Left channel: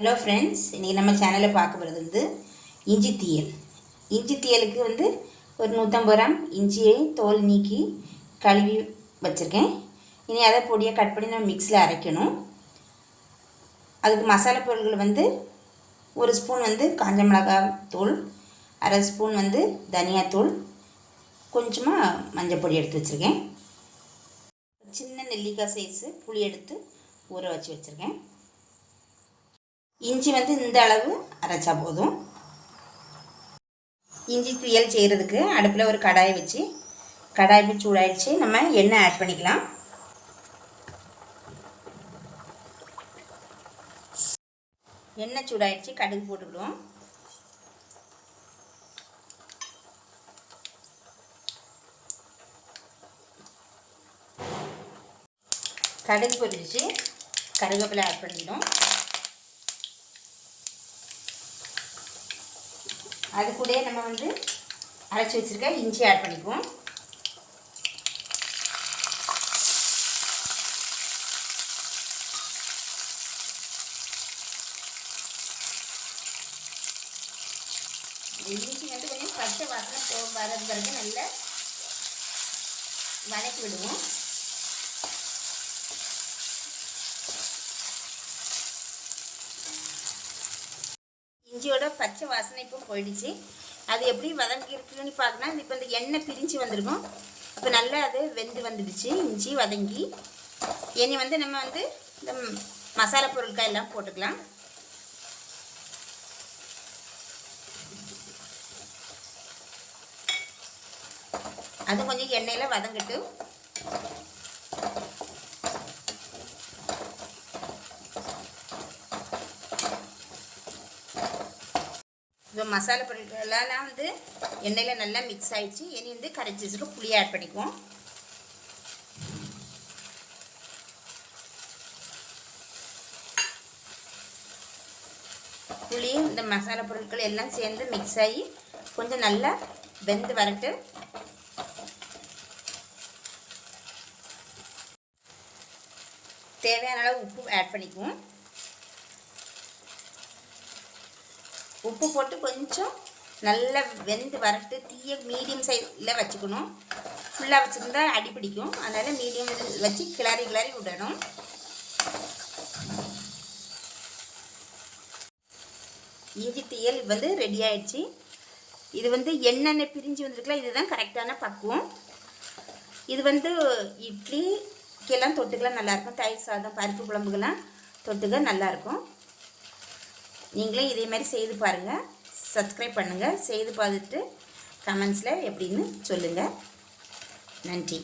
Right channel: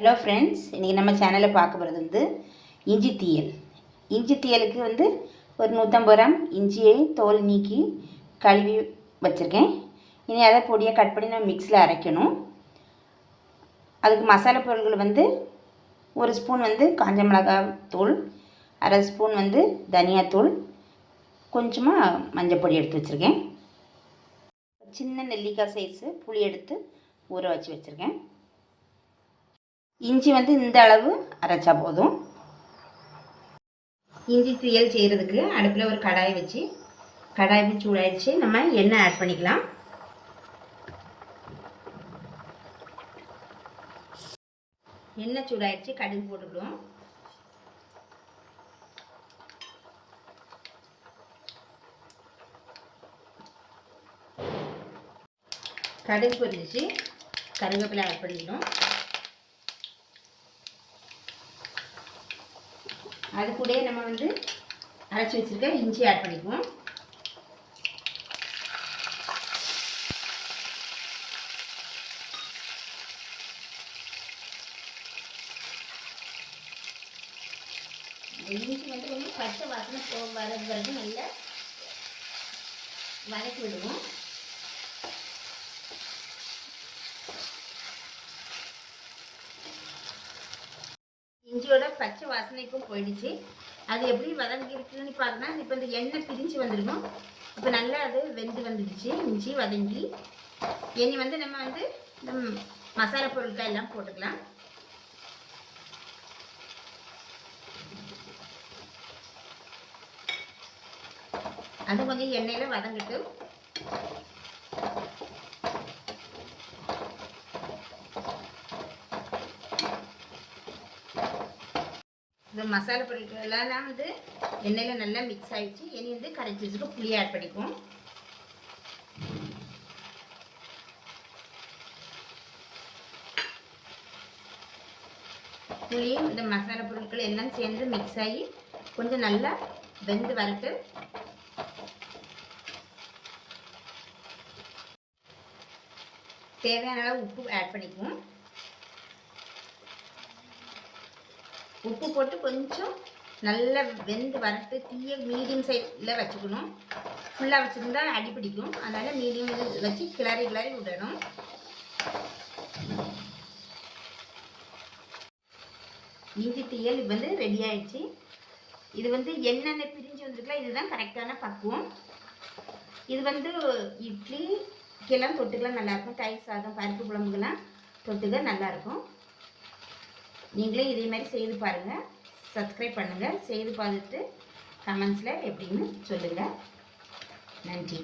Hello friends இன்றைக்கி நம்ம சேனலில் பார்க்க போகிறது வந்து இஞ்சி தீயல். இஞ்சி தீயலுக்கு வந்து ஒரு நூற்றம்பது கிராம் இஞ்சியை தோல் நீக்கி கழுவி வச்சுருக்கேன். இனி அதை பொடியாக கட் பண்ணி நம்ம மிக்ஸில் அரைக்கணும். அதுக்கு மசாலா பொருட்கள் வந்து ஒரு ஸ்பூன் வந்து காஞ்ச மிளகாய் தூள் அரை ஸ்பூன் வந்து தனியாத்தூள் கொஞ்சமாக மஞ்சள் பொடி எடுத்து வச்சுருக்கேன். சின்ன நெல்லிக்காய் சைஸு புளி எடுத்து ஊற வச்சு வச்சுருக்கேன். இஞ்சி வந்து இந்த அளவு அரைச்சா போதும். இஞ்சி துயல் செய்கிறதுக்கு அடுப்பில் ஒரு கடாய் வச்சு கடாய் வச்சு சூடாயிடுச்சு. நம்ம எண்ணெய் ஆட் பண்ணிக்கலாம். எண்ணெய் சூடாயிடுச்சு கடுகு போட்டுக்கிடுவோம். கடுகு பொரிஞ்சிச்சு. கருவேப்பிலை ஆட் பண்ணிக்கணும் அது கூட நம்ம வந்து அரைச்சி வச்சுருக்க இஞ்சி ஆட் பண்ணிக்குவோம். இஞ்சி வந்து பச்சை வாசனை போ வர நல்லா வதக்கி விடுவோம். இஞ்சியோட பச்சை வாசனைக்கும் போயிடுச்சு. அது எப்படி வதங்கி இருக்குன்னு பார்த்தோன்னா இப்போ இந்த எண்ணெய் பிரித்து வந்திருக்கும். அப்போ நல்லா அது வெந்து வந்துடுச்சு. இஞ்சி வதங்கி. இனி வந்து நம்ம வந்து இந்த மசாலா பொருட்கள் எல்லாம் போட்டுக்கலாம். அது கொஞ்சம் எண்ணெயில் வதங்கிட்டு இப்போ மசாலா பொருட்களெல்லாம் வந்து எண்ணெயில் நல்லா மிக்ஸ் ஆகிடுச்சு இனி வந்து கரைச்சி வச்சுட்டு புளி ஆட் பண்ணிக்குவோம். புளியும் இந்த மசாலா பொருட்கள் எல்லாம் சேர்ந்து மிக்ஸ் ஆகி கொஞ்சம் நல்லா வெந்து வரட்டு தேவையான அளவு உப்பு ஆட் பண்ணிக்குவோம். உப்பு போட்டு கொஞ்சம் நல்லா வெந்து வரட்டு தீய மீடியம் சைஸில் வச்சுக்கணும். ஃபுல்லாக வச்சுருந்தா அடி பிடிக்கும். அதனால் மீடியம் வச்சு கிளறி கிளறி விடணும். இஞ்சி தீயல் வந்து ரெடி ஆயிடுச்சு. இது வந்து என்னென்ன பிரிஞ்சு வந்திருக்கலாம். இதுதான் கரெக்டான பக்குவம். இது வந்து இட்லி கெல்லாம் தொட்டுக்கலாம். நல்லாயிருக்கும் தயிர் சாதம் பருப்பு குழம்புக்கெல்லாம் தொட்டுக்க நல்லாயிருக்கும் நீங்களே இதே மாதிரி செய்து பாருங்கள் சப்ஸ்கிரைப் பண்ணுங்கள் செய்து பார்த்துட்டு கமெண்ட்ஸில் எப்படின்னு சொல்லுங்கள் நன்றி.